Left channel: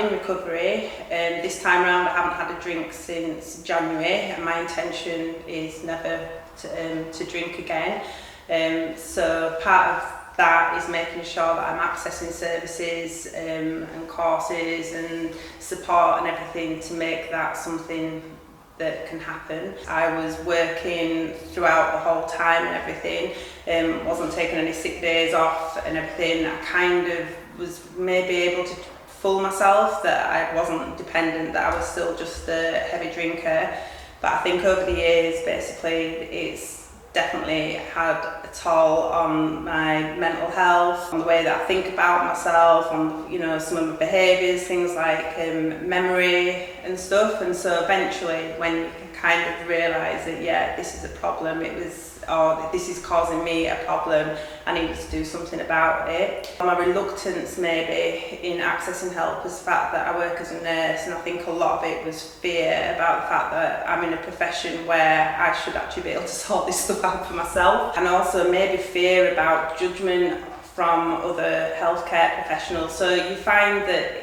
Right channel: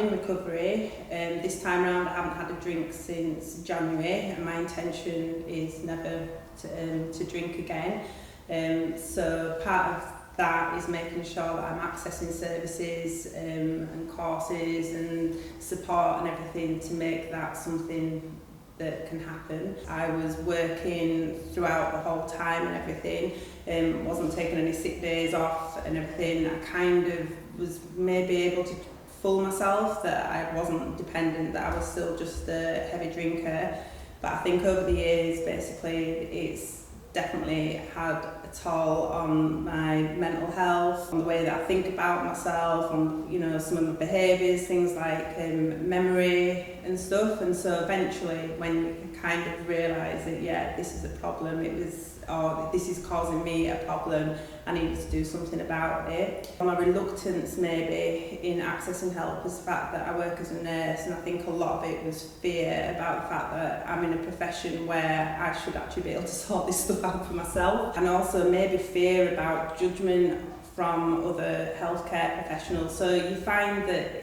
in recovery. This time around I haven't had a drink since January, and my intention is never to drink again. So part of that is making sure that I'm accessing services and courses and support and everything to make that something that can happen. I was working throughout the whole time and everything, wasn't taking any sick days off and everything. I kind of was maybe able to fool myself that I wasn't dependent, that I was still just a heavy drinker. But I think over the years, basically, it's definitely had a toll on my mental health, on the way that I think about myself, on some of my behaviours, things like memory and stuff. And so eventually, when you can kind of realise that this is a problem, this is causing me a problem, I needed to do something about it. My reluctance maybe in accessing help was the fact that I work as a nurse, and I think a lot of it was fear about the fact that I'm in a profession where I should actually be able to sort this stuff out for myself, and also maybe fear about judgment from other healthcare professionals. So you find that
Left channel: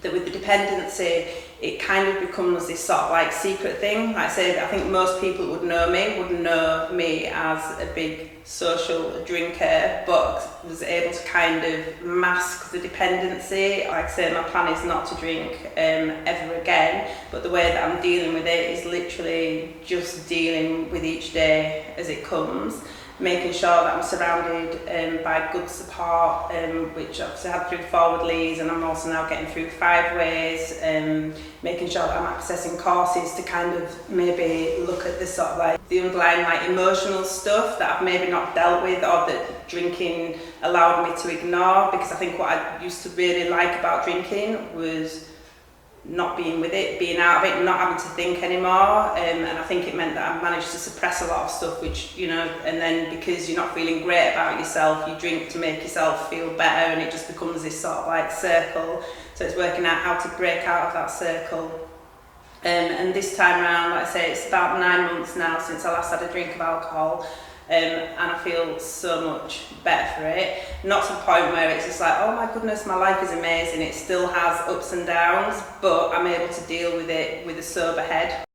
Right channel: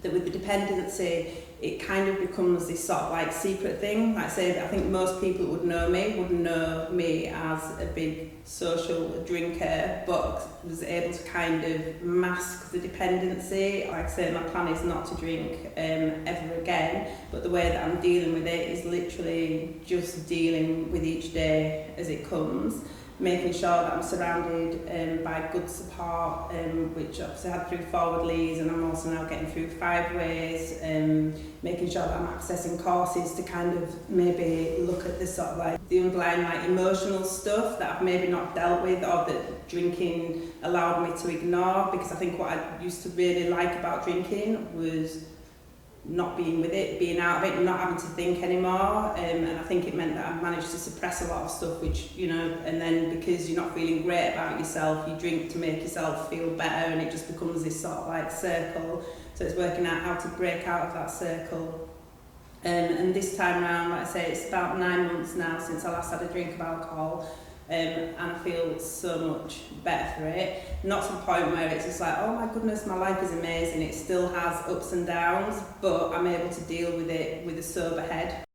that with the dependency, it kind of becomes this sort of like secret thing. Like I say, I think most people who would know me as a big social drinker, but was able to kind of mask the dependency. Like I say, my plan is not to drink ever again, but the way that I'm dealing with it is literally just dealing with each day as it comes, making sure that I'm surrounded by good support, which obviously I had through Forward Lees, and I'm also now getting through 5 Ways, making sure that I'm accessing courses to kind of maybe look at the sort of like the underlying like emotional stuff that I've maybe not dealt with, or that drinking allowed me to ignore. Because I think what I used to really like about drinking was not being with it, being out of it, not having to think anymore, and I think it meant that I managed to suppress a lot of stuff, which and then because you're not feeling great about yourself, you drink to make yourself feel better, and it just becomes this sort of like circle. So it's working out how to break out of that circle. And this time around, like I say, it's about 9 months now since I last had a drink of alcohol. And I feel so much better for it. Not to the point where it's just like, oh my goodness, my life is amazing. It still has ups and downs, but I'm able to deal with it with a sober head.